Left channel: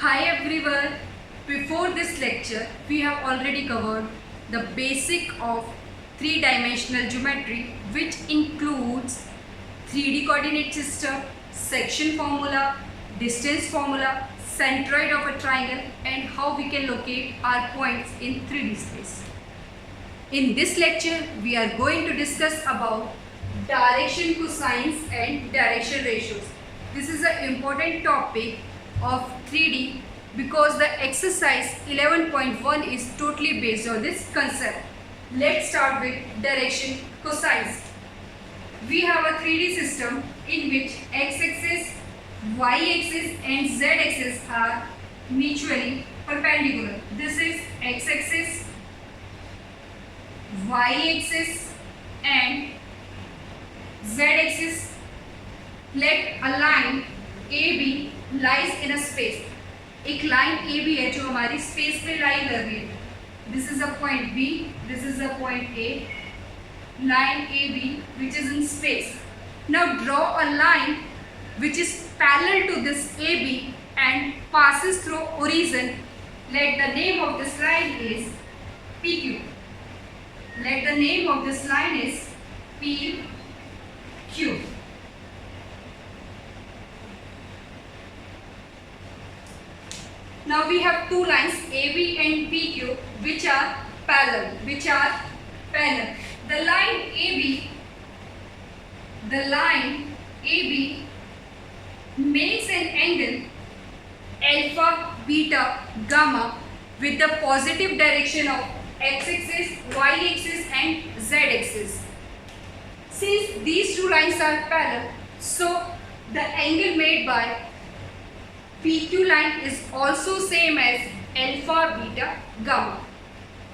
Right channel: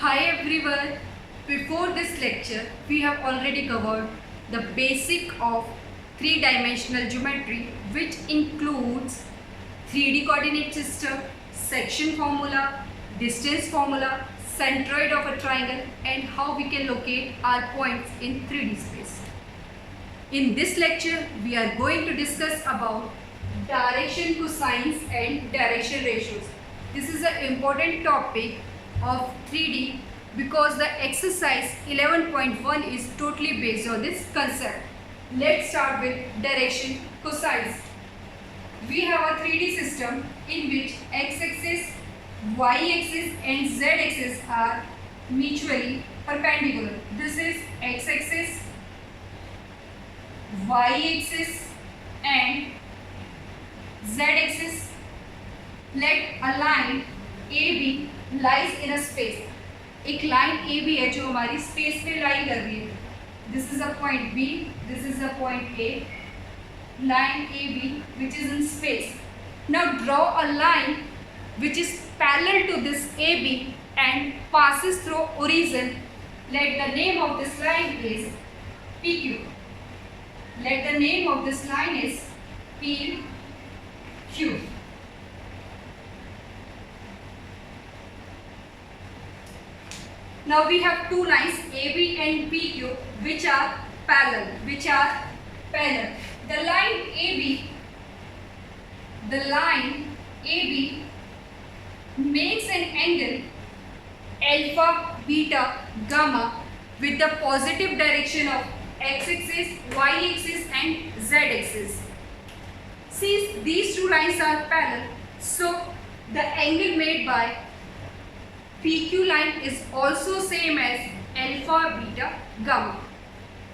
Hi everyone. Before this lecture, we have already covered the basic of three-dimensional geometry, which includes 3D coordinate system, section formula, distance formula, centroid of a triangle, and how we can locate our points in 3D space. In this lecture, we are going to discuss about direction cosines and direction ratios. This is an important topic of 3D because the exercise 11.1 is totally based on this concept. Let's start with direction cosines. We have a 3D system in which x-axis, y-axis and z-axis are mutually perpendicular. This is x-axis, y-axis and z-axis. Let a line AB lies in a space. एक line AB है जो हमारी space पे लाई कर रही है. This is a point B, this is a point A. Line AB which is in space. Now draw a line which is parallel to this AB and passes through origin. Let the name of this line is PQ. Let the name of this line is PQ. Now we have two lines AB and PQ which are parallel. The line AB makes an angle alpha, beta, gamma with the positive direction of x-axis, y-axis and z-axis. Since these two lines are parallel, so the angle made by PQ line is also same as alpha, beta, gamma.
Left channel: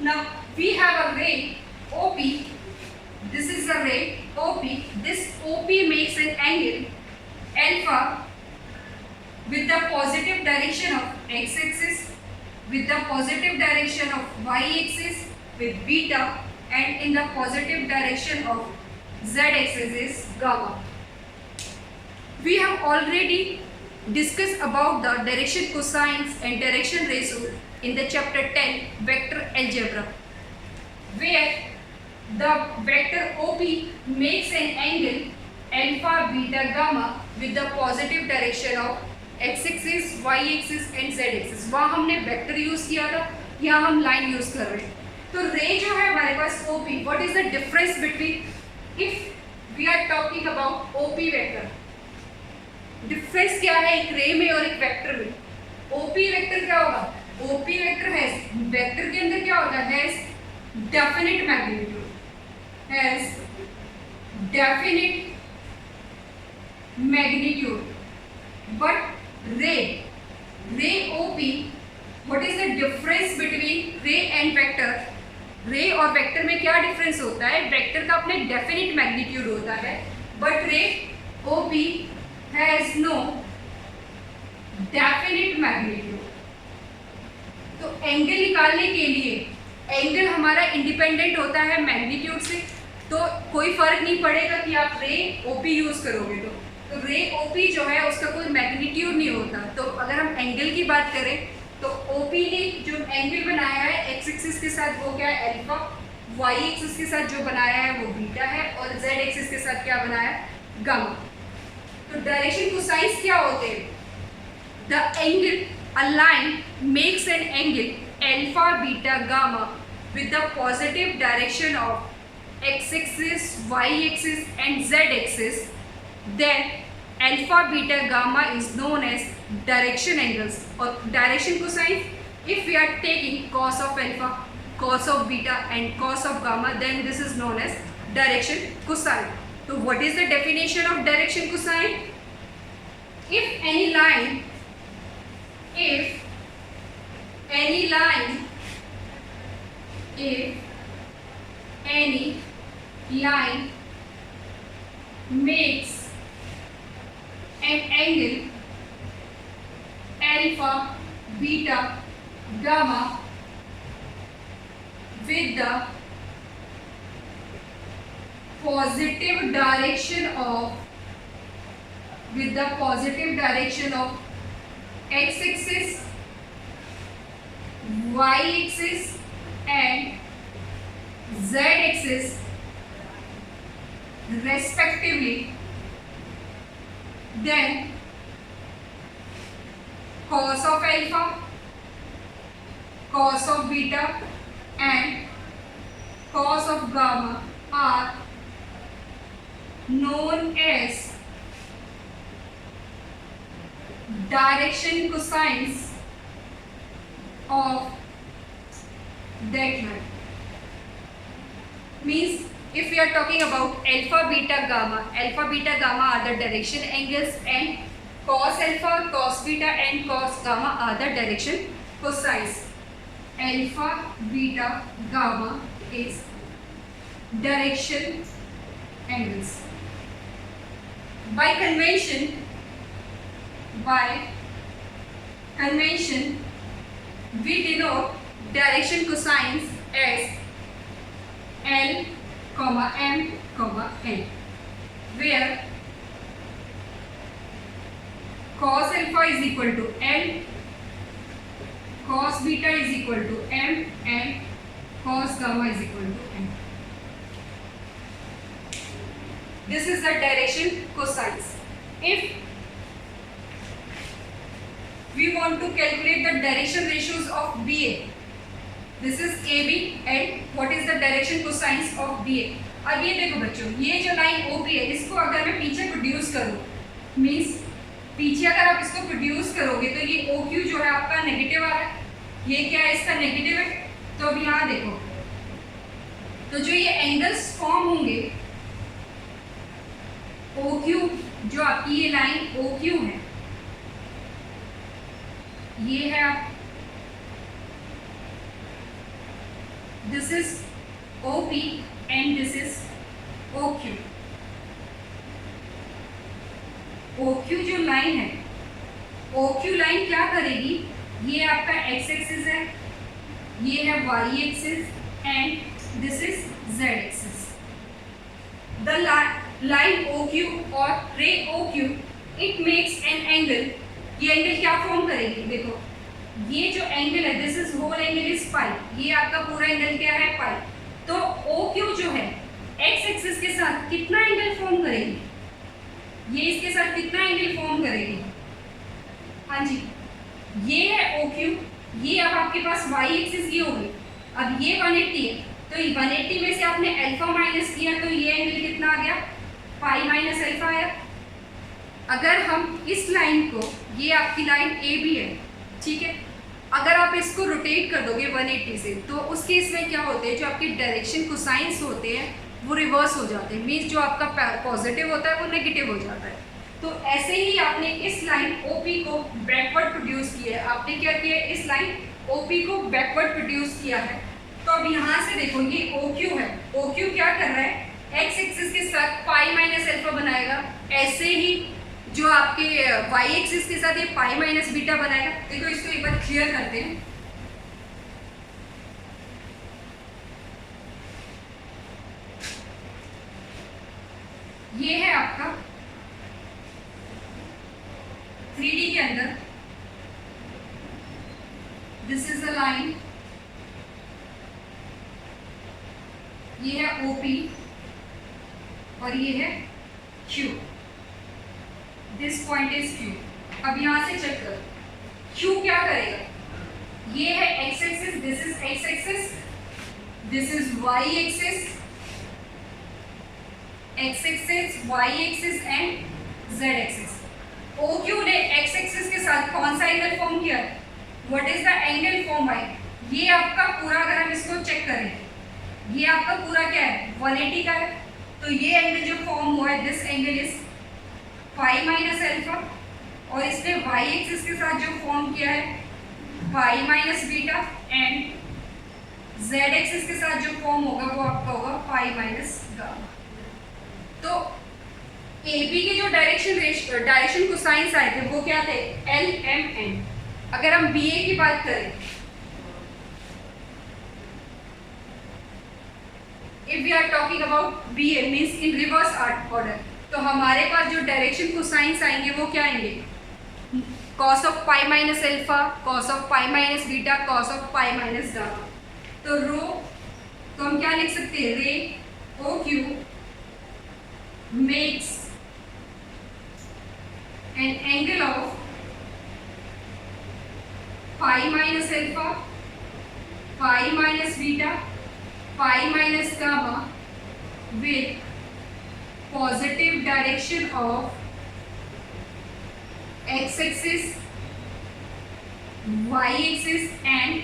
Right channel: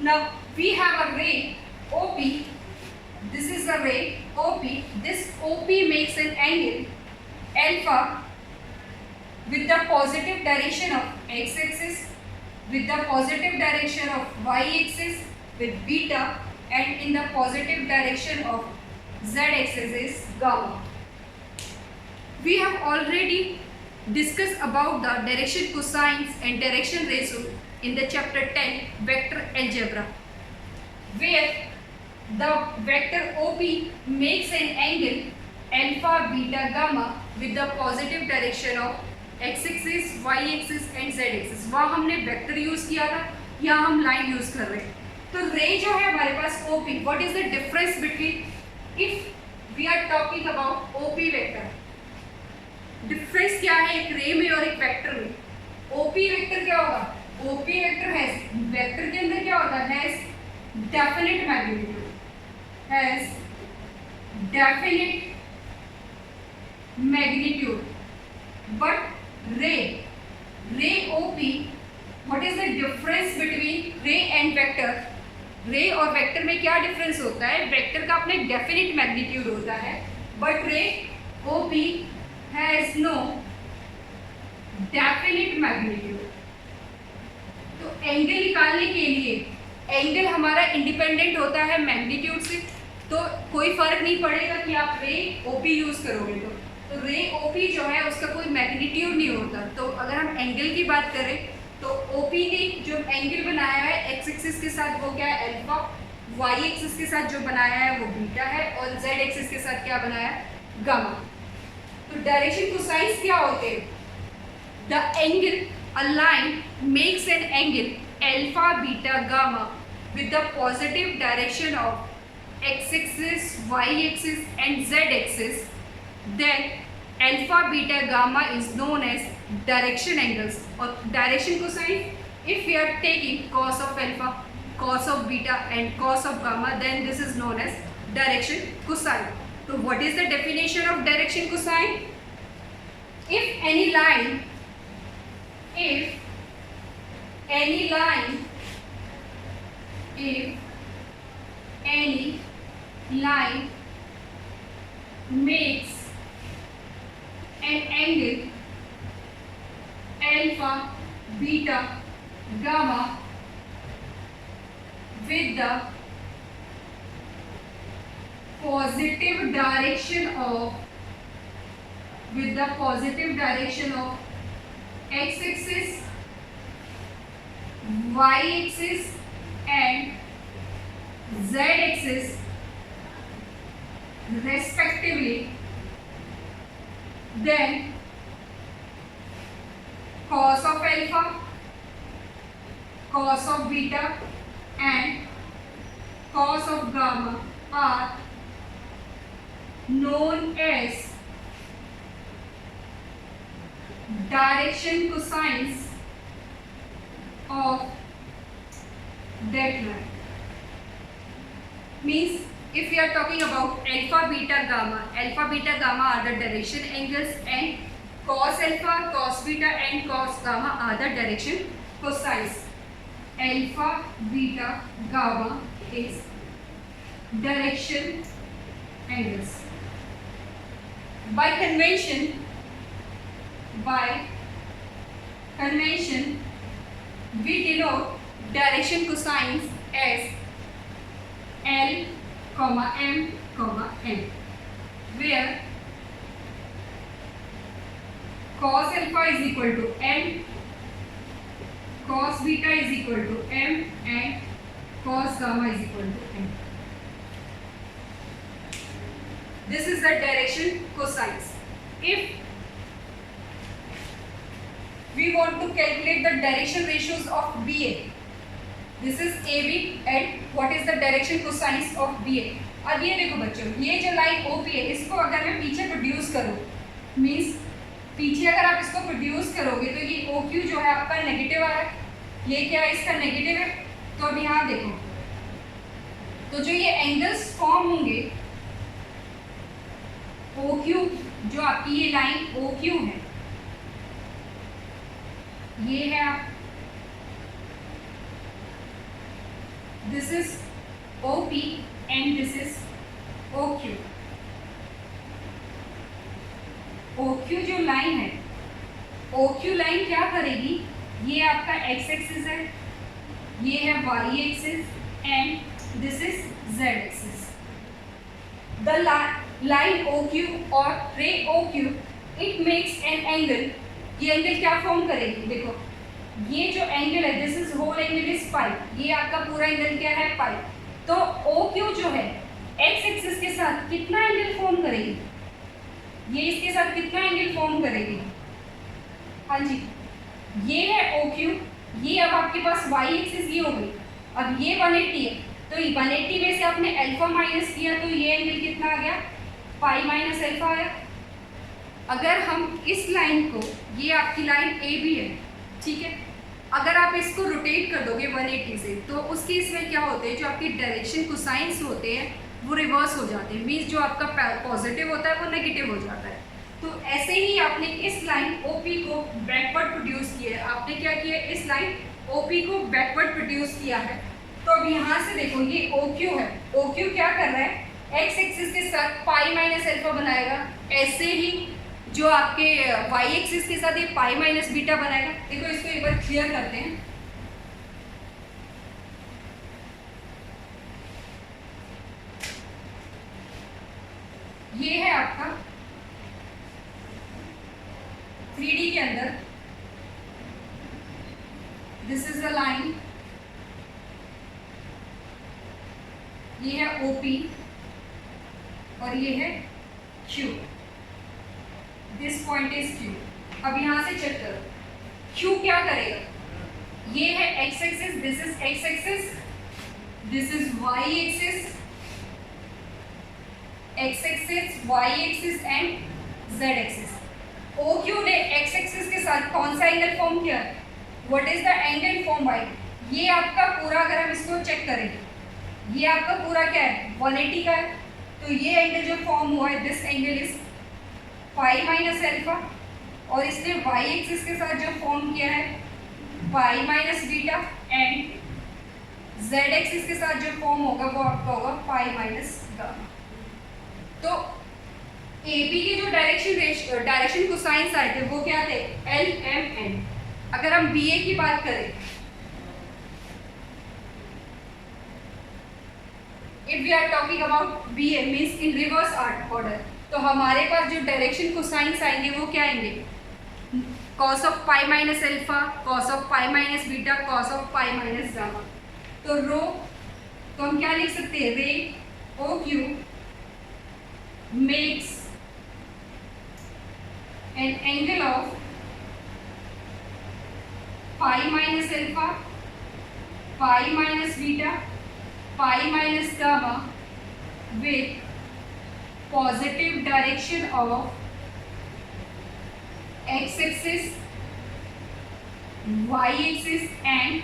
Now we have a ray OP. This is a ray OP. This OP makes an angle alpha with the positive direction of x-axis, with the positive direction of y-axis, with beta, and in the positive direction of z-axis is gamma. We have already discussed about the direction cosines and direction ratio in the chapter 10 vector algebra, where the vector OP makes an angle alpha, beta, gamma with the positive direction of x-axis, y-axis and z-axis. वहाँ हमने vector use किया था, यहाँ हम line use कर रहे हैं. तो रे जो है हमारे पास OP, what is the difference between if we are talking about OP vector. Difference क्या है एक रे में और एक वेक्टर में? OP वेक्टर क्या होगा? OP वेक्टर है वेक्टर के अंदर क्या होता है? Definite magnitude, has definite magnitude. But ray OP, what is the difference between ray and vector? रे और वेक्टर में क्या डिफरेंस होता है? वेक्टर का अपने डेफिनिट मैग्नीट्यूड होता है, but ray OP has no definite magnitude. तो एंगल निकालने के लिए एंगल हमारा इंडिपेंडेंट होता है मैग्नीट्यूड से, तो कोई फर्क नहीं पड़ेगा कि आप रे OP यूज करोगे तो रे OP जो है उसका कोई मैग्नीट्यूड नहीं होता. तो अगर हम एंगल की बात करें तो OP ने जो एंगल बनाया है एक्स एक्सिस के साथ वो क्या है? अल्फा. वाई एक्सिस के साथ जो बनाया है वो बीटा है और जेड एक्सिस के साथ क्या बनाया है? गामा. तो डायरेक्शन कोसाइंस क्या होते हैं? The angle a line makes an angle alpha, beta, gamma with the positive direction of x-axis, y-axis and z-axis, then alpha, beta, gamma is known as direction angles. Or direction cosine, if we are taking cos of alpha, cos of beta and cos of gamma, then this is known as direction cosine. So what is the definition of direction cosine? If any line makes an angle alpha, beta, gamma with the positive direction of x-axis, y axis and z axis respectively, then cos of alpha, cos of beta and cos of gamma are known as direction cosines of that line. Means if we are talking about alpha, beta, gamma are the direction angles, and cos alpha, cos beta and cos gamma are the direction cosines. Alpha, beta, gamma is direction angles. By convention, we denote direction cosines as L, M, N, where cos alpha is equal to L, cos beta is equal to M and cos gamma is equal to N. This is the direction cosines. If we want to calculate the direction ratios of BA, this is AB and what is the direction cosines of BA. अब ये देखो बच्चों, ये जो line OP है, इसको अगर मैं पीछे प्रोड्यूस करूँ, मीन्स पीछे अगर आप इसको प्रोड्यूस करोगे तो ये OQ जो है आपका नेगेटिव आ रहा है, ये क्या है इसका नेगेटिव है। तो अब यहाँ देखो, तो जो ये एंगल्स फॉर्म होंगे OQ, जो आपकी ये लाइन OQ है, ये है आप, this is OP and this is OQ. OQ जो लाइन है, OQ लाइन क्या करेगी, ये आपका x एक्सिस है, ये है y axis and this is z axis. The line OQ और ray OQ, it makes an angle. ये एंगल क्या फॉर्म करेगी, देखो ये जो एंगल है, this is whole angle is pi, ये आपका पूरा एंगल क्या है पाई. तो OQ जो है x एक्सिस के साथ कितना एंगल फॉर्म करेगी, ये इसके साथ कितना एंगल फॉर्म करेगी, हाँ जी ये है OQ. ये अब आपके पास y एक्सिस ये होगी, अब ये 180 है, तो 180 में से आपने अल्फा माइनस किया तो ये एंगल कितना आ गया, पाई माइनस अल्फा आया. अगर हम इस लाइन को, ये आपकी लाइन AB है, ठीक है, अगर आप इसको रोटेट कर दोगे 180 से, तो उस केस में क्या होते हैं, जो आपके डायरेक्शन कोसाइंस होते हैं वो रिवर्स हो जाते हैं. मीन्स जो आपका पॉजिटिव होता है वो नेगेटिव हो जाता है. तो ऐसे ही आपने इस लाइन OP को बैकवर्ड प्रोड्यूस किया है. आपने क्या किया, इस लाइन OP को बैकवर्ड प्रोड्यूस किया है. तो अब यहाँ से देखो ये OQ है, OQ क्या कर रहा है, x एक्सिस के साथ पाई माइनस अल्फा बनाएगा. ऐसे ही जो आपके y एक्सिस के साथ ये पाई माइनस बीटा बनाएगा. देखो इसको एक बार क्लियर करते हैं. ये है आपका 3D के अंदर, दिस इज अ लाइन, ये है OP और ये है Q. This point is Q. अब यहां से चेक करो, Q क्या करेगा, ये है x axis, this is x axis, this is y axis, x axis, y axis and z axis. OQ ने x एक्सिस के साथ कौन सा एंगल फॉर्म किया, what is the angle form by, ये आपका पूरा, अगर हम इसको चेक करें, ये आपका पूरा क्या है 180 का है. तो ये एंगल जो फॉर्म हुआ है, this angle is pi minus alpha, और इसने y एक्सिस के साथ जो फॉर्म किया है pi minus beta, and z axis के साथ जो फॉर्म होगा वो आपका होगा पाई माइनस गामा. तो AB के जो डायरेक्शन कोसाइंस आए थे वो क्या थे, L, M, N. अगर हम BA की बात करें, if we are talking about BA means in reverse order, तो हमारे पास जो डायरेक्शन कोसाइंस आएंगे वो क्या आएंगे, cos of pi minus alpha, cos of pi minus beta, cos of pi minus gamma. तो रो तो हम क्या लिख सकते हैं, ray O Q makes an angle of pi minus alpha, pi minus beta, pi minus gamma with positive direction of x-axis, y-axis and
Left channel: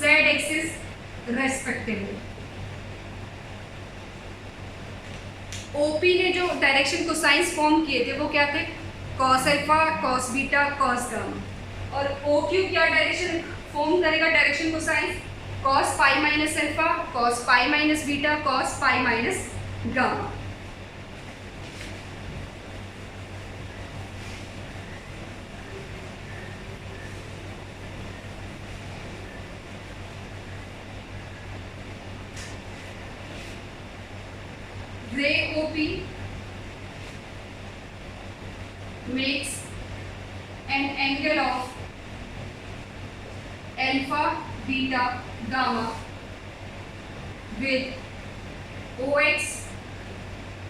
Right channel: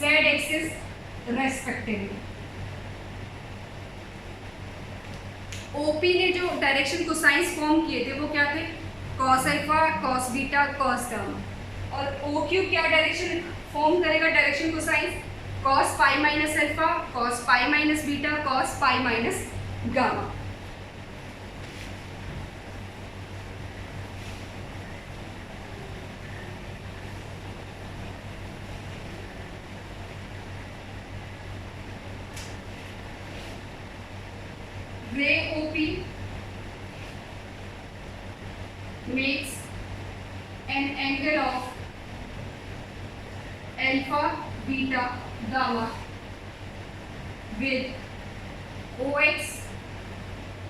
z-axis respectively. OP ने जो direction cosines form किए थे वो क्या थे, cos alpha, cos beta, cos gamma. और O Q क्या direction form करेगा, direction cosines, cos pi minus alpha, cos pi minus beta, cos pi minus gamma. ray OP makes an angle of alpha, beta, gamma with OX,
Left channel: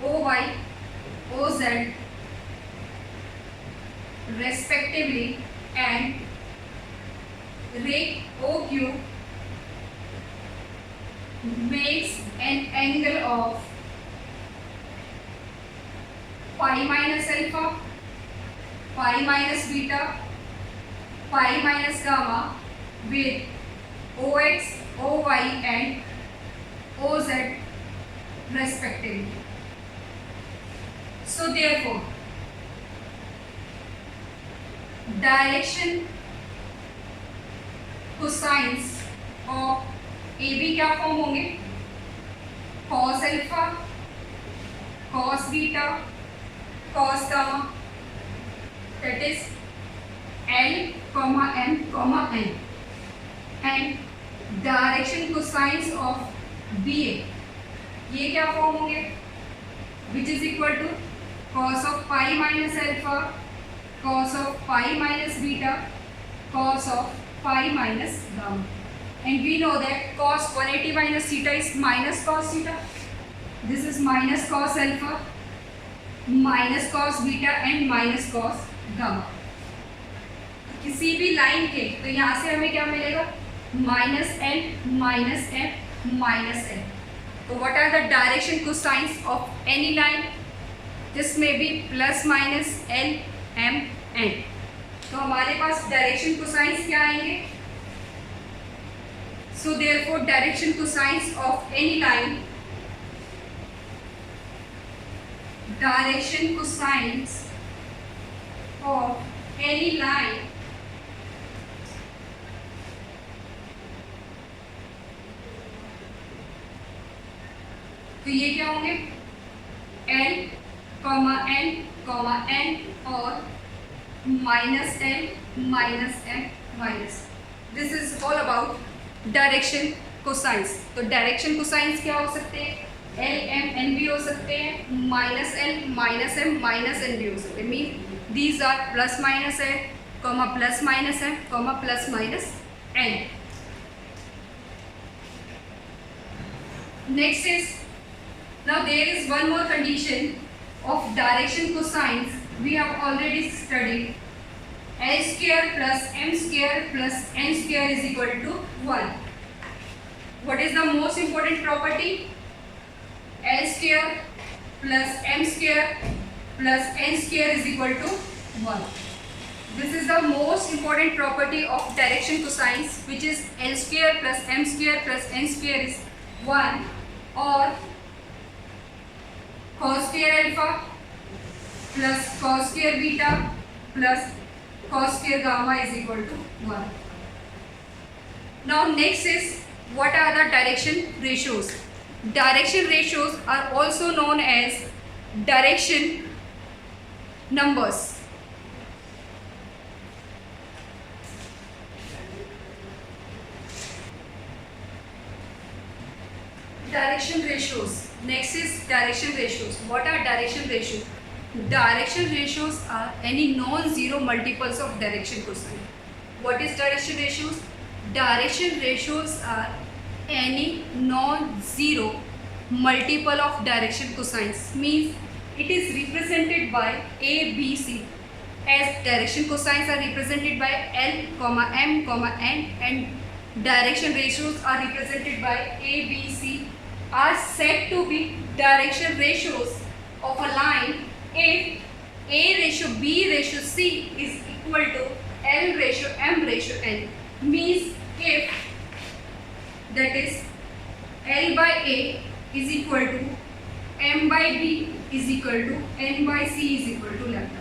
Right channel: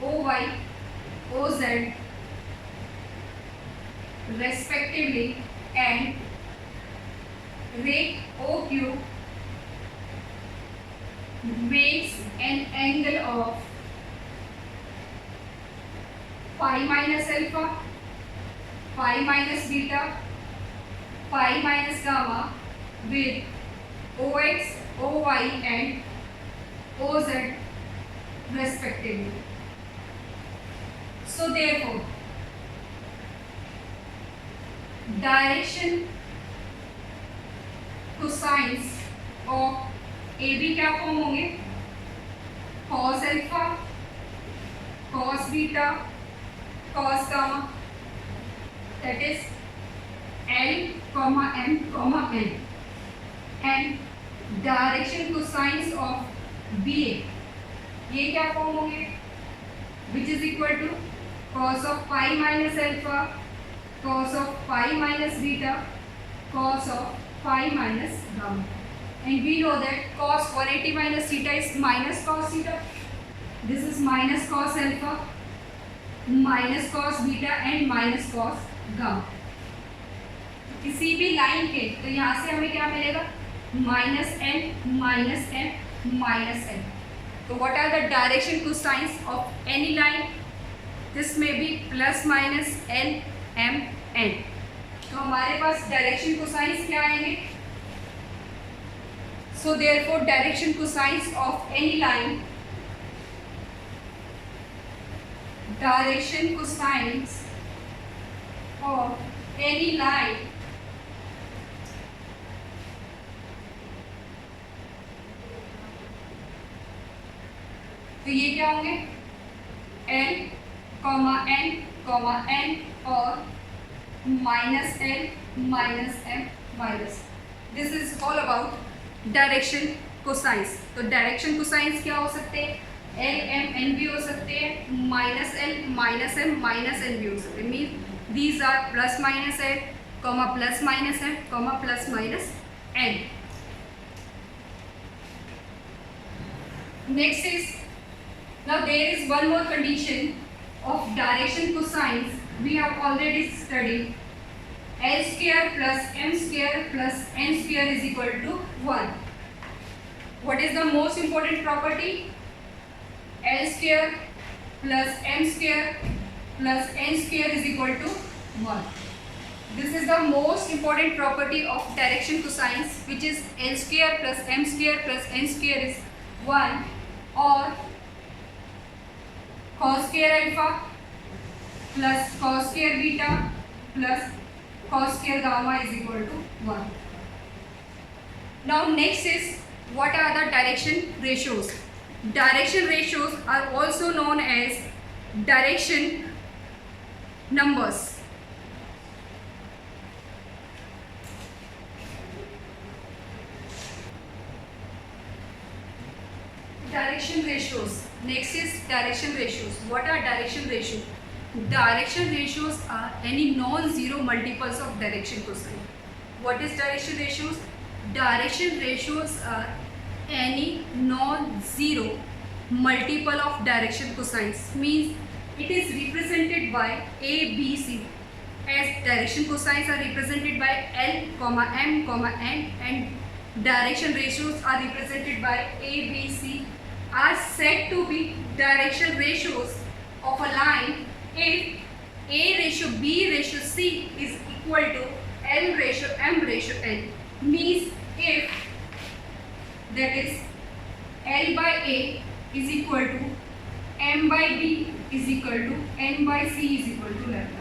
OY, OZ respectively, and ray OQ makes an angle of pi minus alpha, pi minus beta, pi minus gamma with OX, OY and OZ respectively. So therefore, direction cosines of AB क्या form होंगे, cos alpha, cos beta, cos gamma, that is L, M, N, and direction cosines of BA ये क्या form होंगे, which is equal to cos of pi minus alpha, cos of pi minus beta, cos of pi minus gamma. And we know that cos 180 minus theta is minus cos theta. This is minus cos alpha, minus cos beta and minus cos gamma. किसी भी line के तो यहाँ से हमें क्या मिलेगा, minus n minus M minus n. तो what are the direction cosines of any line, this में be plus minus l m n. तो हमारे पास डायरेक्शन कोसाइंस क्या आएंगे, so therefore direction cosines of any line, direction cosines of any line तो ये क्या होंगे, L, N, N और minus L minus M minus. This is all about direction cosines. तो डायरेक्शन कोसाइंस क्या हो सकते हैं, एल एम एन भी हो सकते हैं, minus L minus M minus N भी हो सकते हैं. Mean these are plus minus L, comma plus minus M, comma plus minus N. Next is, now there is one more condition of direction cosines we have already studied, L square plus M square plus N square is equal to 1. What is the most important property, L square plus M square plus N square is equal to 1. This is the most important property of direction cosines, which is L square plus M square plus N square is 1, or cos square alpha plus cos square beta plus cos square gamma is equal to 1. Now next is, what are the direction ratios? Direction ratios are also known as direction numbers. Direction ratios. Next is direction ratios. What are direction ratios? direction ratios are any non-zero multiples of direction cosine. What is direction ratios? Direction ratios are any non-zero multiple of direction cosines. Means it is represented by A, B, C. As direction cosines are represented by L, M, N, and direction ratios are represented by A, B, C, are said to be direction ratios of a line if A ratio B ratio C is equal to L ratio M ratio N. Means if that is L by A is equal to M by B is equal to N by C is equal to lambda.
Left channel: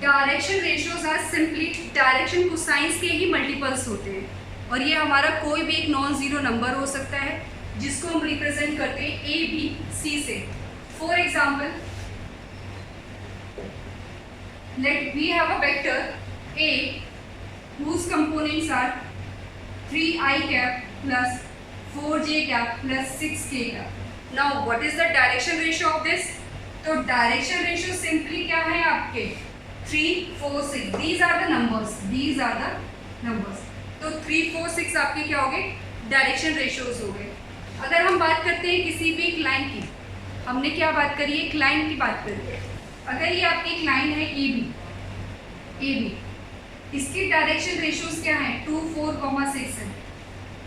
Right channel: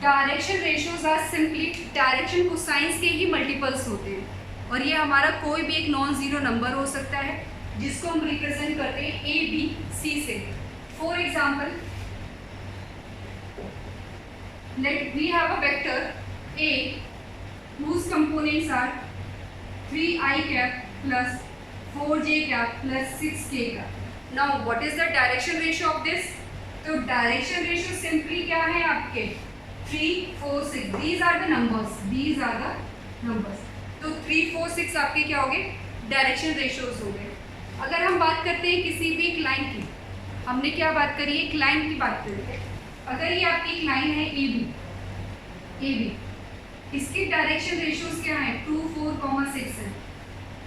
Direction ratios are simply direction cosines के ही multiples होते हैं, और ये हमारा कोई भी एक नॉन ज़ीरो नंबर हो सकता है जिसको हम रिप्रेजेंट करते हैं ए बी सी से. For example, let we have a vector A whose components are 3i cap plus 4j cap plus 6k cap. Now what is the direction ratio of this? तो direction ratio simply क्या है आपके 3, 4, 6. These are the numbers. These are the numbers. तो 3, 4, 6 आपके क्या हो गए? Direction ratios हो गए. अगर हम बात करते हैं किसी भी एक लाइन की, हमने क्या बात करी है? एक लाइन की बात करी है. अगर ये आपकी एक लाइन है ए बी, इसके डायरेक्शन रेशियोज क्या है? 2, 4, 6 है.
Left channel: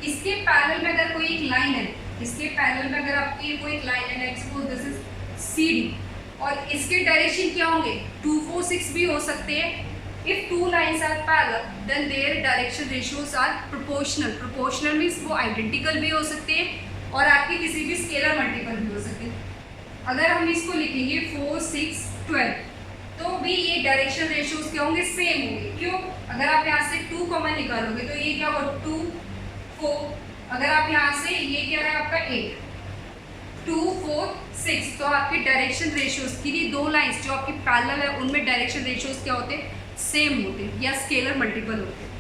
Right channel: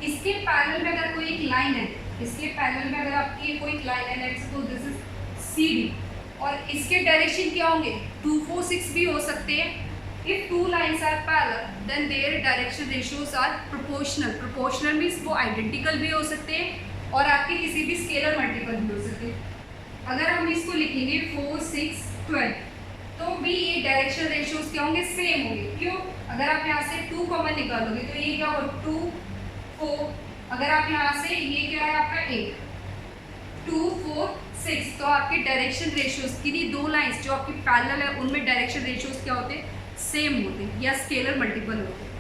इसके पैरेलल में अगर कोई एक लाइन है, इसके पैरेलल में अगर आपकी कोई एक लाइन है, let's suppose this is C D, और इसके डायरेक्शन क्या होंगे? 2, 4, 6 भी हो सकते हैं. If two lines are parallel then their direction ratios are proportional. Proportional means वो आइडेंटिकल भी हो सकते हैं और आपके किसी भी स्केलर मल्टीपल भी हो सकते हैं. अगर हम इसको लिखेंगे 4, 6, 12, तो भी ये डायरेक्शन रेशियोज क्या होंगे? सेम होंगे. क्यों? अगर आप यहाँ से 2 कॉमन निकालोगे तो ये क्या होगा? 2, 4. अगर आप यहाँ से ये क्या है आपका 8, 2, 4, 6, तो आपके डायरेक्शन रेशियोज किन्हीं दो लाइंस जो आपकी पैरेलल है उनमें डायरेक्शन रेशियोज क्या होते हैं? सेम होते हैं या स्केलर मल्टीपल होते हैं.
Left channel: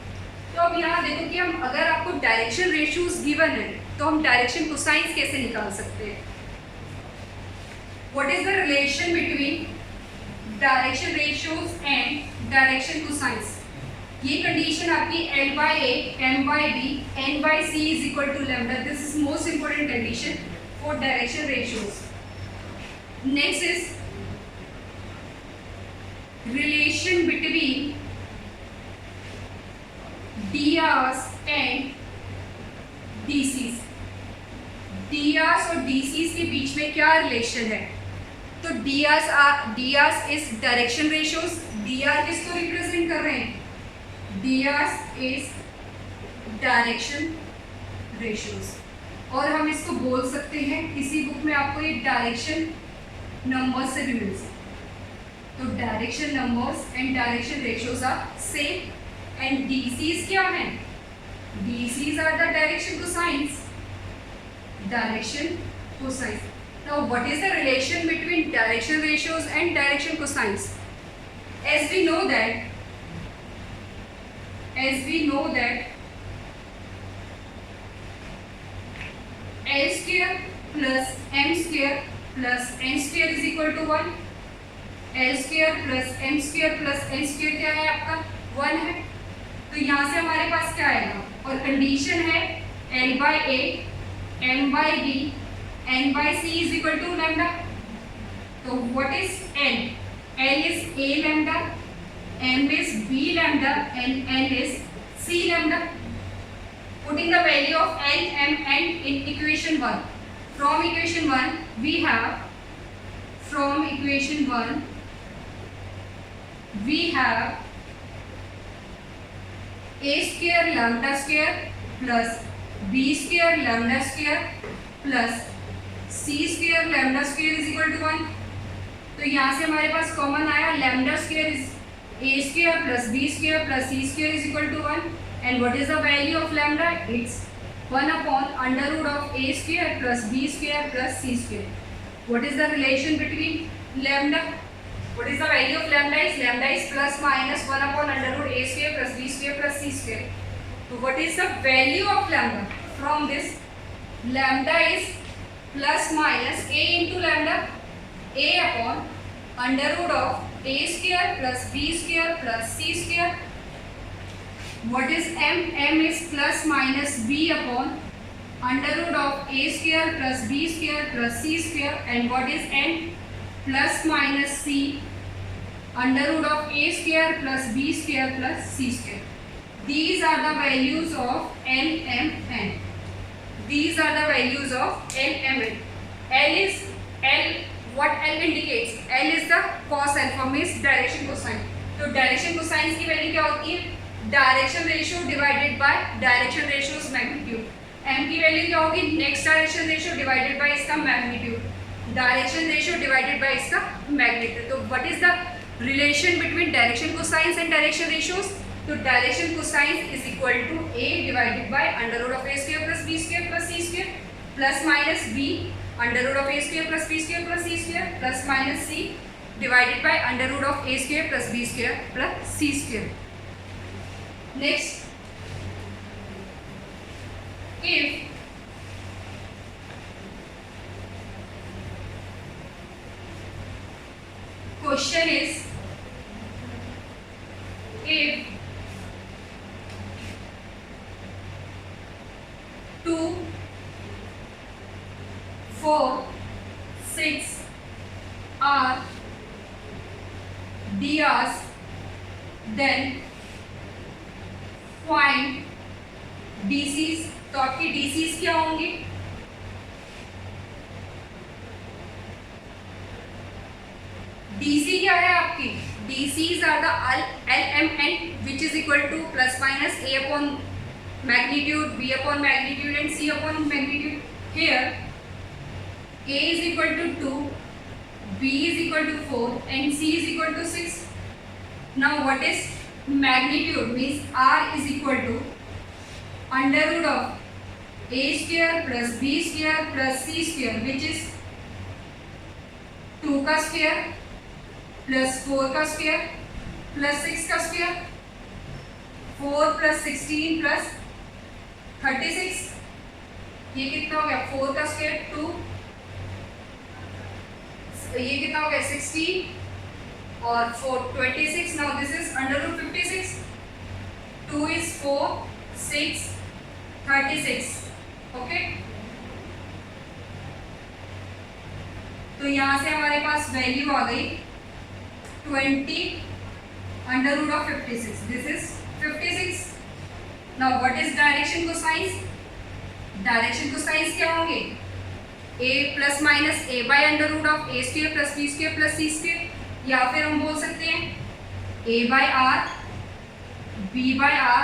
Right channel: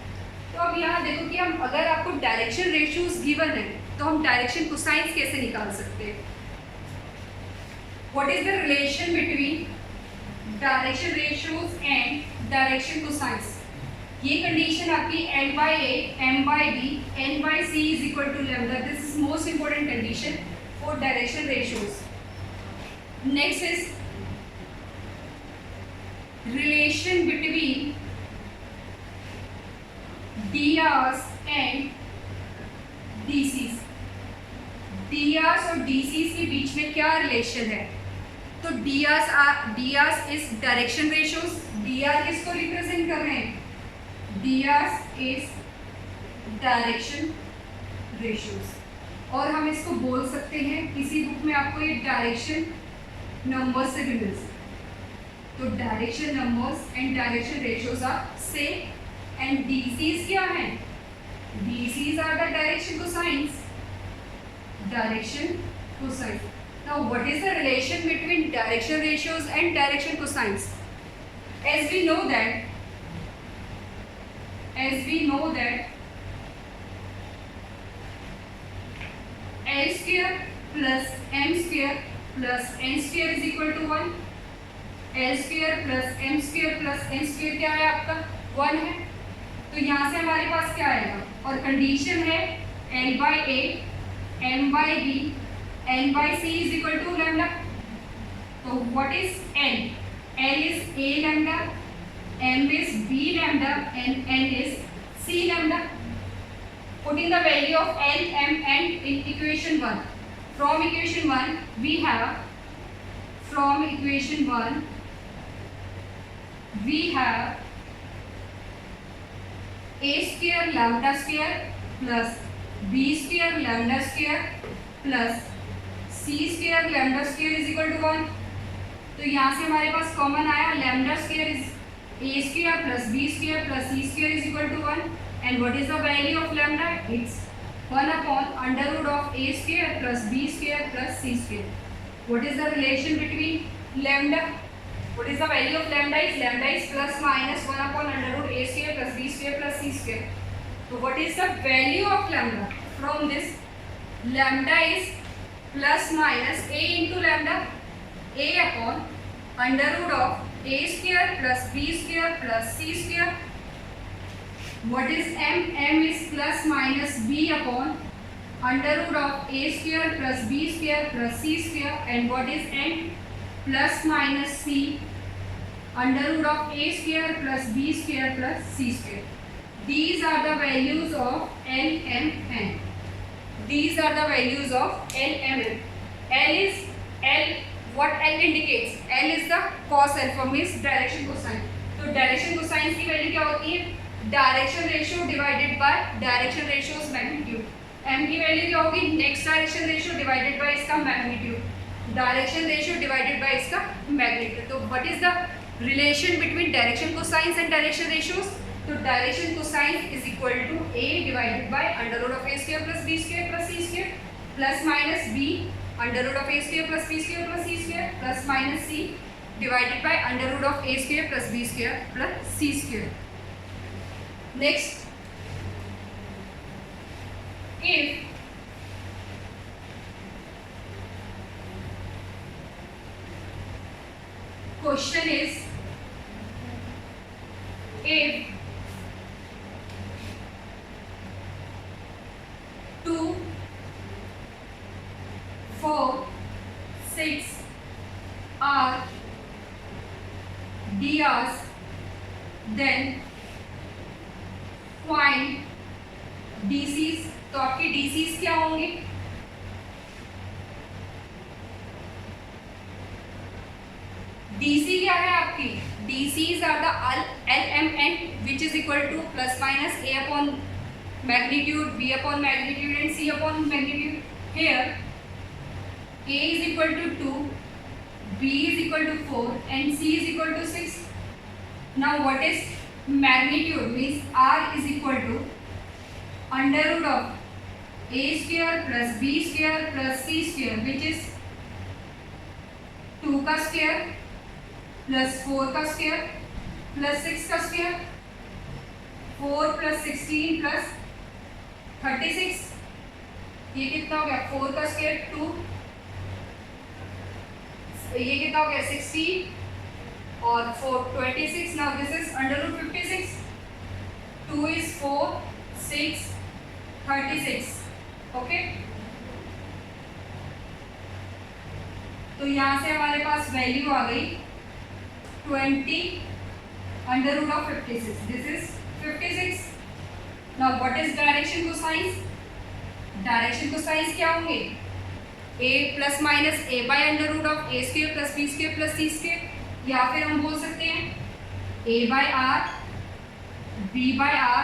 तो अब यहाँ देखो कि हम अगर आपको डायरेक्शन रेशियोज गिवन है तो हम डायरेक्शन कोसाइंस कैसे निकाल सकते हैं? What is the relation between direction ratios and direction cosines? ये कंडीशन आपकी L by A, M by B, N by C is equal to lambda. This is most important condition for direction ratios. Next is relation between DRs and DCs. DRs और DCs के बीच में क्या relation है? तो DRs is direction ratios. DR किसको represent कर रहे हैं? DRs is direction ratios. और हम इसको बोल सकते हैं, किसी बुक में आपको ये डायरेक्शन नंबर्स से भी मिल सकते. तो direction numbers and direction ratios are same. And DCs क्या हैं? DCs are the direction cosines. Direction cosines. Now what is the relation between direction ratios and direction cosines? As we know that L square plus M square plus N square is equal to 1. L square plus M square plus N square क्या है आपका? 1 है. तो यहाँ से हमारे पास क्या आएगा? और कंडीशन है L by A, M by B, N by C is equal to lambda. तो what is L? L is A lambda, M is B lambda, and N is C lambda. Putting the value of L, M, N in equation 1. From equation 1 we have A square lambda square plus B square lambda square plus C square lambda square is equal to 1. तो यहाँ से हमारे पास common आया lambda square is A square plus B square plus C square is equal to 1. And what is the value of lambda? It's 1 upon under root of A square plus B square plus C square. What is the relation between lambda? What is the value of lambda? Lambda is plus minus 1 upon under root A square plus B square plus C square. So what is the value of lambda? From this, lambda is plus minus A into lambda. a upon under root of a square plus b square plus c square. What is m? M is plus minus b upon under root of a square plus b square plus c square. And what is n? Plus minus c under root of a square plus b square plus c square. These are the values of L, M, N. These are the values of L, M, N. L is L. What L indicates? L is the cos alpha, means direction cosine. तो direction cosine की value क्या होती है? Direction ratio divided by direction ratios magnitude. m की value क्या होगी? Next direction ratio divided by इसका magnitude. Direction ratio divided by इसका मैग्नीट्यूड. तो what is the relation between direction cosines and direction ratios? तो direction cosines is equal to a divided by under root of a square plus b square plus c square plus minus b under root of a square plus b square plus c square plus minus c divided by under root of a square plus b square plus c square. Next, if question is if 2, 4, 6 are DRs, then find DCs. तो आपकी DCs क्या होंगी? DC क्या है आपकी? DCs are the LMN which is equal to plus minus A upon magnitude, B upon magnitude and C upon magnitude. Here A is equal to 2, B is equal to 4 and C is equal to 6. Now what is magnitude? Means R is equal to under root of a square plus b square plus c square, which is 2 का square plus 4 का square plus 6 का square, 4 plus 16 plus 36. ये कितना हो गया? 4 का square 2, ये कितना हो गया? 16 और 4 26. Now this is under root 56. 2 is 4, 6, 36. Okay, तो यहाँ से हमारे पास वैल्यू आ गई 20 under root of 56. This is 56. Now what is direction cosines? Direction cosines क्या होंगे? a plus minus a by under root of a square plus b square plus c square, या फिर हम बोल सकते हैं a by r, b by r,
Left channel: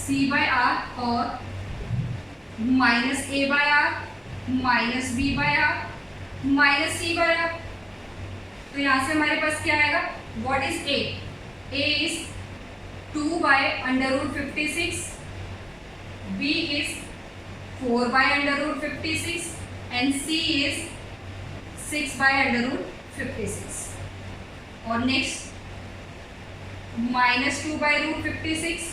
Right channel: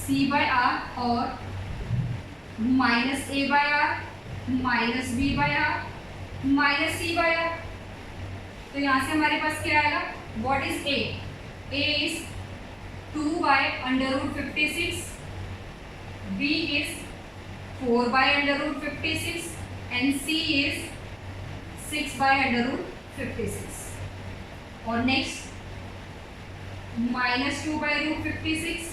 c by r और minus a by r minus b by r minus c by r. तो यहाँ से हमारे पास क्या आएगा? What is a? a is 2 by under root 56, b is 4 by under root 56 and c is 6 by under root 56. और next minus 2 by root 56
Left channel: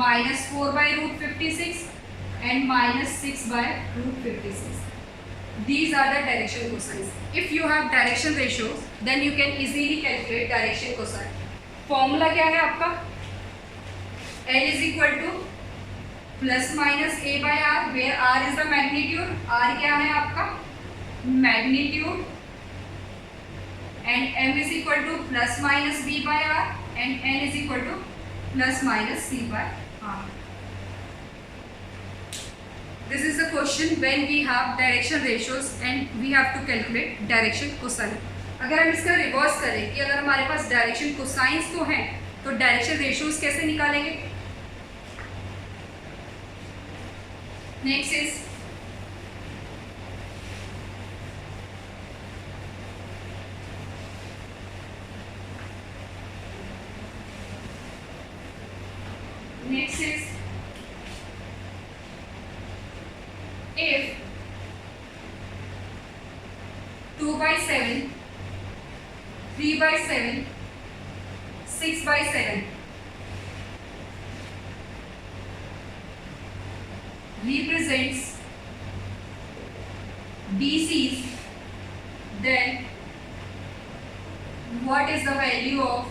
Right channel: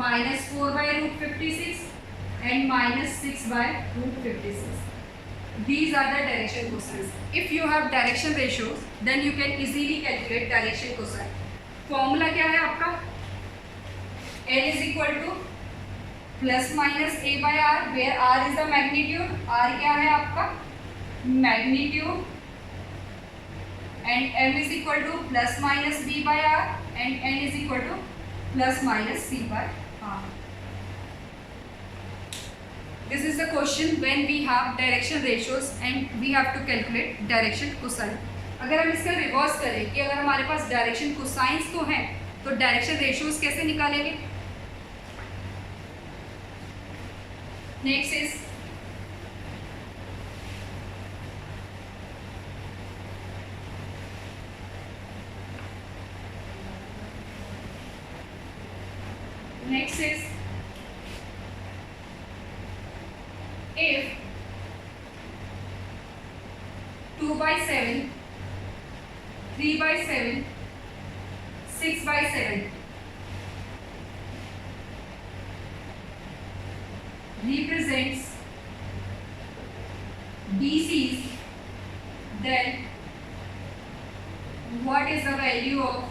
minus 4 by root 56 and minus 6 by root 56. These are the direction cosines. If you have direction ratios, then you can easily calculate direction cosine. Formula क्या है आपका? L is equal to plus minus A by R, where R is the magnitude. R क्या है आपका? Magnitude. And M is equal to plus minus B by R and N is equal to plus minus C by R. This is the question when we have direction ratios and we have to calculate direction cosine. अगर हम इसका reverse करें कि अगर हमारे पास direction cosines तो हैं, तो डायरेक्शन रेशियोज कैसे निकालेंगे? Next is if 2 by 7, 3 by 7, 6 by 7 represents DCs then what is the value of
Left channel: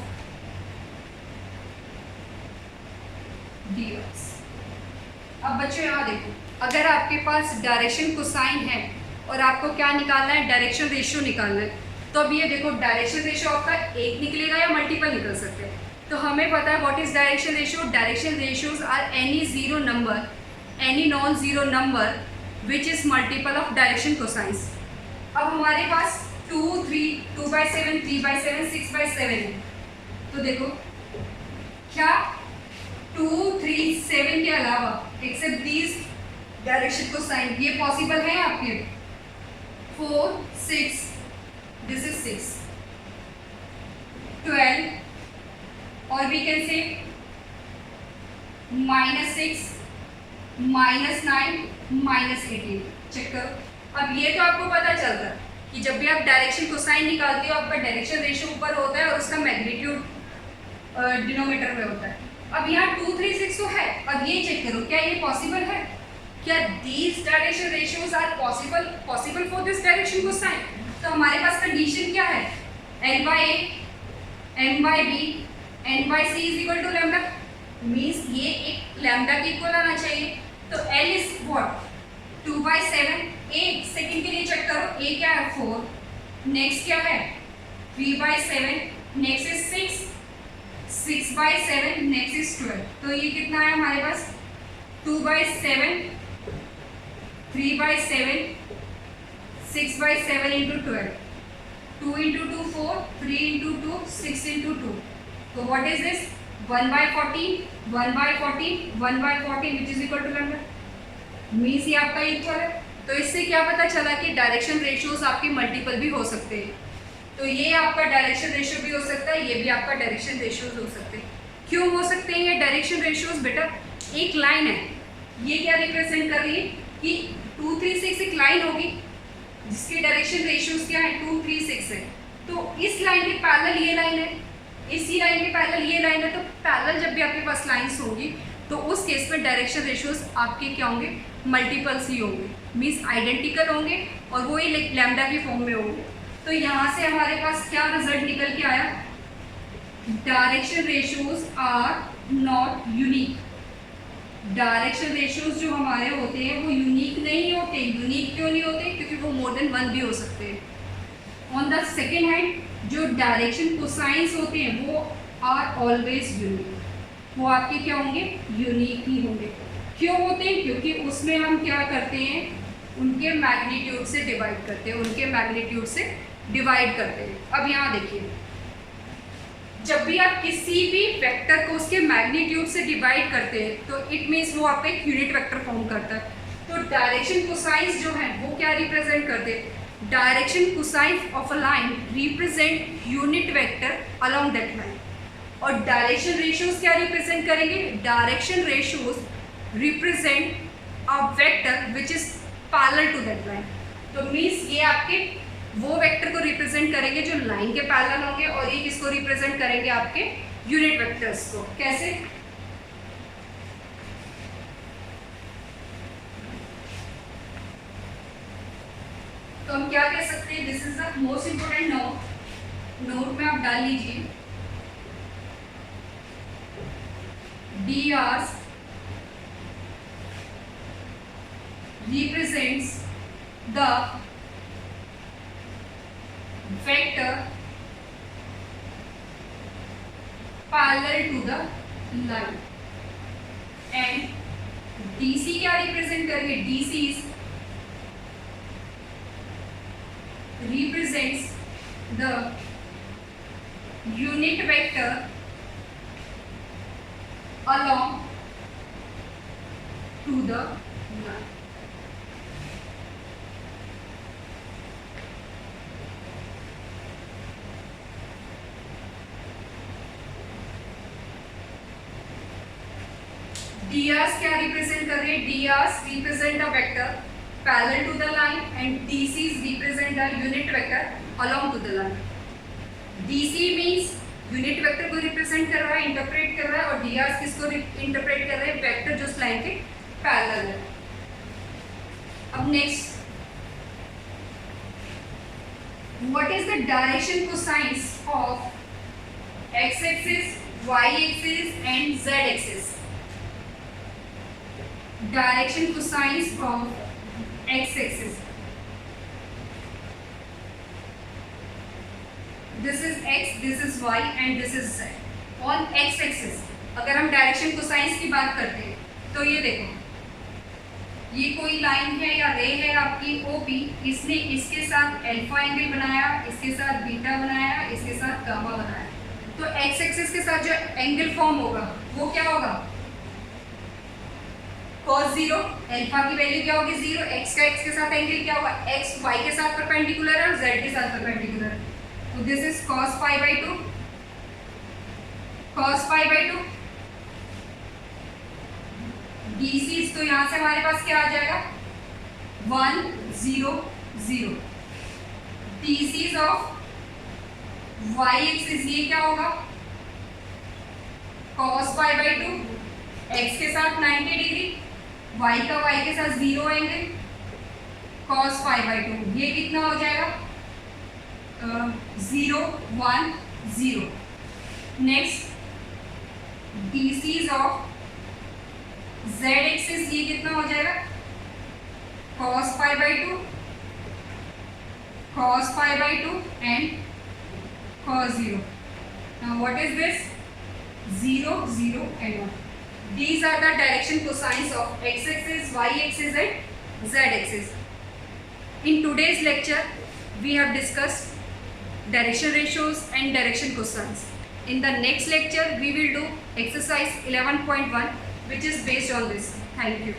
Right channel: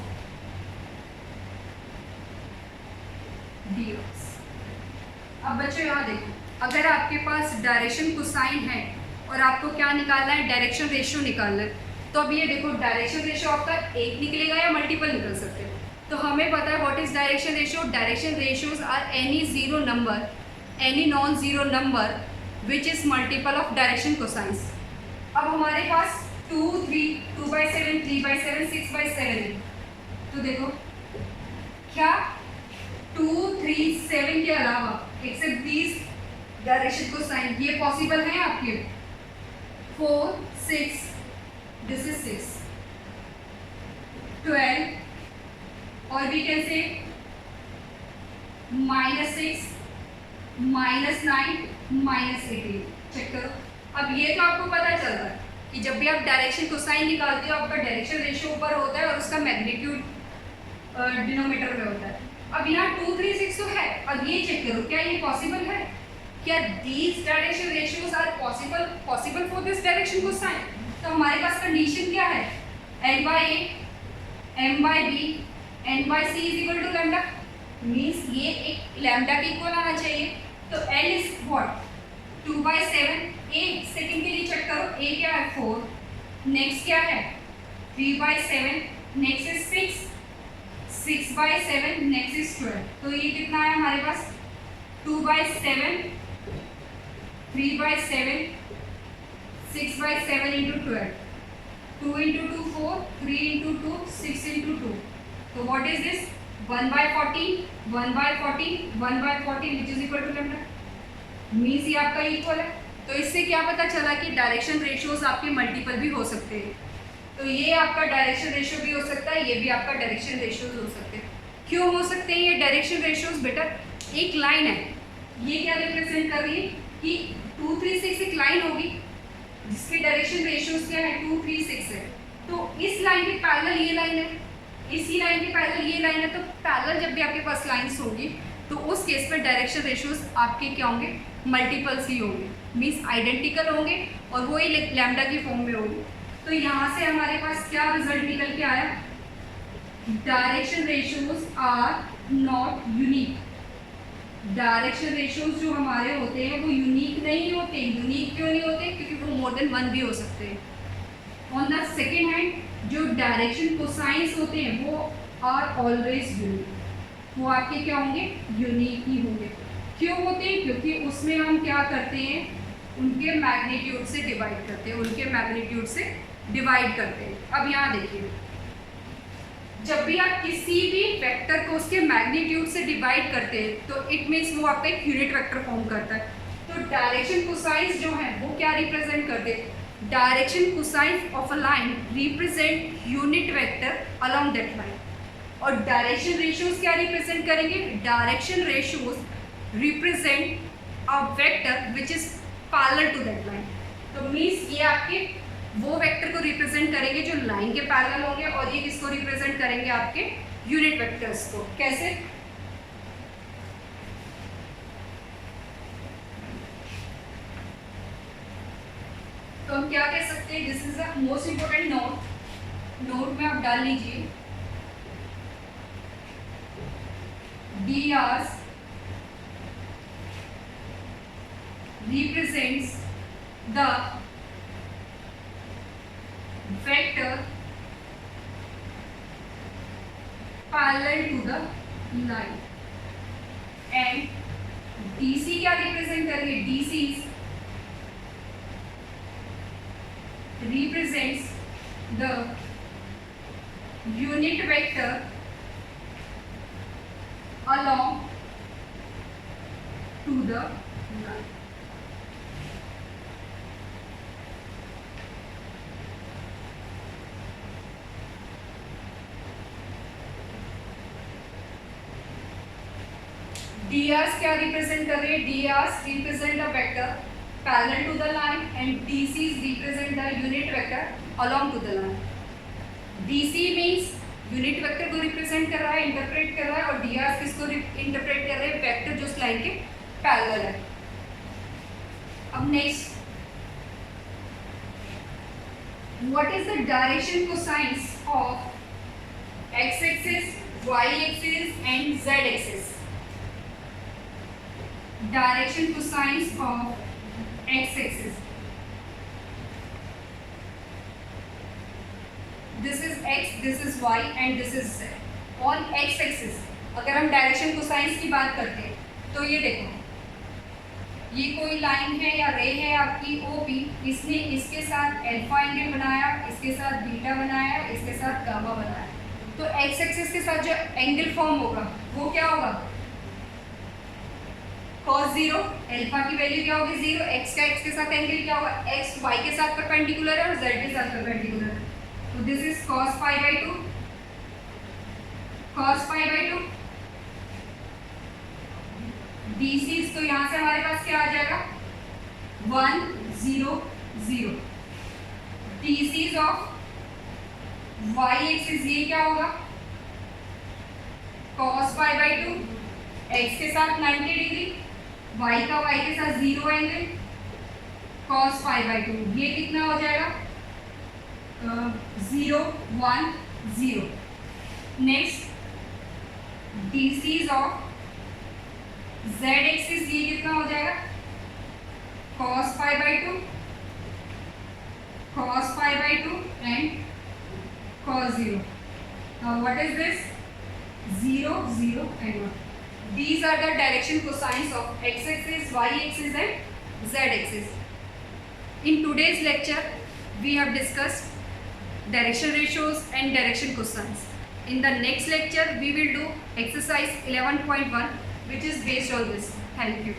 ds। अब बच्चों यहाँ देखो, अगर आपके पास डायरेक्शन कोसाइन है और आपको क्या निकालना है, डायरेक्शन रेशियो निकालना है, तो अब ये देखो डायरेक्शन रेशियो आपका एक निकलेगा या मल्टीपल निकल सकते हैं। तो हमें पता है what is direction ratio. Direction ratios are any zero number, any non zero number which is multiple of direction cosines. अब हमारे पास 2, 3, 2/7, 3/7, 6/7 है। तो देखो क्या 2, 3, 7 के अलावा एक्सेप्ट दीज डायरेक्शन कोसाइन ये पॉसिबल है आपके। 4, 6, दिस इज 6, 12 और वी कैन से -6, -9, -18। चेक करो। अब ये तो आपको पता चल रहा है कि जब भी आप डायरेक्शन कोसाइन निकालते हो आपका डायरेक्शन रेशियो ऊपर होता है और उसका मैग्नीट्यूड डिनोमिनेटर में होता है। अब यहाँ 2, 3, 6 तो है। अब ये चेक करो क्या ये पॉसिबल है, क्या these direction ratios are possible for this direction cosine. तो हमारे पास कंडीशन क्या है, L/A, M/B, N/C is equal to lambda. मीन्स ये एक लैम्डा के इक्वल आना चाहिए। तो L इज व्हाट 2/7। एक सेकेंड के लिए चेक करो, A क्या है 4, नेक्स्ट क्या है 3/7, नेक्स्ट इज 6, 6/7, नेक्स्ट इज 12। तो ये कितना है हमारे पास 2/7, 3/7, 6/7 इंटू 12, 2 इंटू 2 4, 3 इंटू 2 6 इंटू 2। तो what is this 1/14, 1/14, 1/14 which is equal to lambda. मीन्स ये आपका इक्वल है। तो इससे क्या पता चला कि डायरेक्शन रेशियोज आपके मल्टीपल भी हो सकते हैं। तो ये आपका डायरेक्शन रेशियो भी हो सकता है, ये भी आपका डायरेक्शन रेशियोज हो सकते हैं। क्यों हो सकते हैं ये डायरेक्शन रेशियोज बेटा, एक लाइन है ये क्या रिप्रेजेंट कर रही है कि 2, 3, 6 एक लाइन होगी जिसके डायरेक्शन रेशियोज क्या है 2, 3, 6 है। तो इस लाइन के पैरेलल ये लाइन है, इसी लाइन के पैरेलल ये लाइन है। तो पैरेलल जब भी आपके पास लाइन्स होंगी तो उस केस में डायरेक्शन रेशियोज आपके क्या होंगे, मल्टीपल्स ही होंगे, मीन्स आइडेंटिकल होंगे और वो ही लैम्डा की फॉर्म में होंगे। तो यहाँ से हमारे पास क्या रिजल्ट निकल के आया, direction ratios are not unique. Direction ratios जो हमारे होते हैं वो यूनिक नहीं होते। यूनिक क्यों नहीं होते, क्योंकि वो मोर देन 1 भी हो सकते हैं। ऑन द सेकेंड हैंड जो डायरेक्शन कोसाइंस होते हैं वो आर ऑलवेज यूनिक, वो आपके क्या होंगे, यूनिक ही होंगे। क्यों होते हैं, क्योंकि उसमें हम क्या करते हैं, उनके मैग्नीट्यूड से डिवाइड करते हैं, उनके मैग्नीट्यूड से डिवाइड करते हैं। अब यहाँ देखिए, जब भी आप किसी भी वेक्टर को उसके मैग्नीट्यूड से डिवाइड करते हैं तो इट मीन्स वो आपका एक यूनिट वेक्टर फॉर्म करता है। तो डायरेक्शन कोसाइंस जो है वो क्या रिप्रेजेंट करते हैं, direction cosines of a line represent unit vector along that line. और डायरेक्शन रेशियोज क्या रिप्रेजेंट करेंगे, direction ratios represent a vector which is parallel to that line. तो मीन्स ये आपके वो वेक्टर को रिप्रेजेंट करेंगे जो लाइन के पैरेलल होंगे और ये किसको रिप्रेजेंट करेंगे, आपके यूनिट वेक्टर्स को। कैसे, तो हम क्या कह सकते हैं, this is the most important note में आप डाल लीजिए, drs represents the vector parallel to the line and dc क्या रिप्रेजेंट करेंगे, dc represents the unit vector along to the line। drs क्या रिप्रेजेंट कर रहे हैं, drs represent a vector parallel to the line and dc represent a unit vector along to the line. dc मीन्स unit vector को represent कर रहा है, interpret कर रहा है, और drs किसको इंटरप्रेट कर रहे हैं, वेक्टर जो उस लाइन के पैरेलल है। अब next what is the direction cosines of x-axis, y-axis and z-axis? Direction cosines of x-axis. This is x, this is y and this is z. On x-axis अगर हम डायरेक्शन कोसाइंस की बात करते हैं तो ये देखो, ये कोई लाइन है या रे है आपकी OP, इसने इसके साथ अल्फा एंगल बनाया, इसके साथ बीटा बनाया, इसके साथ गामा बनाया, तो एक्स एक्सिस के साथ जो एंगल फॉर्म होगा वो क्या होगा? cos 0. अल्फा की वैल्यू क्या होगी? 0. एक्स का एक्स के साथ एंगल क्या होगा? एक्स वाई के साथ परपेंडिकुलर है और जेड के साथ परपेंडिकुलर है, तो this is cos pi by 2. cos pi by 2 DCs, तो यहाँ से हमारे पास क्या आ जाएगा? 1 0 0. DCs ऑफ y एक्सिस ये क्या होगा? cos pi by 2. x के साथ 90 डिग्री, y का y के साथ 0 एंगल, cos पाई बाई 2. ये कितना हो जाएगा? 0 1 0. Next DCs of z axis ये कितना हो जाएगा? cos pi by 2, cos pi by 2 and cos 0. Now what is this? 0 0 and 1. These are the direction cosines of x axis, y axis and z axis. In today's lecture we have discussed direction ratios and direction cosines. In the next lecture we will do exercise 11.1 which is based on this. Thank you.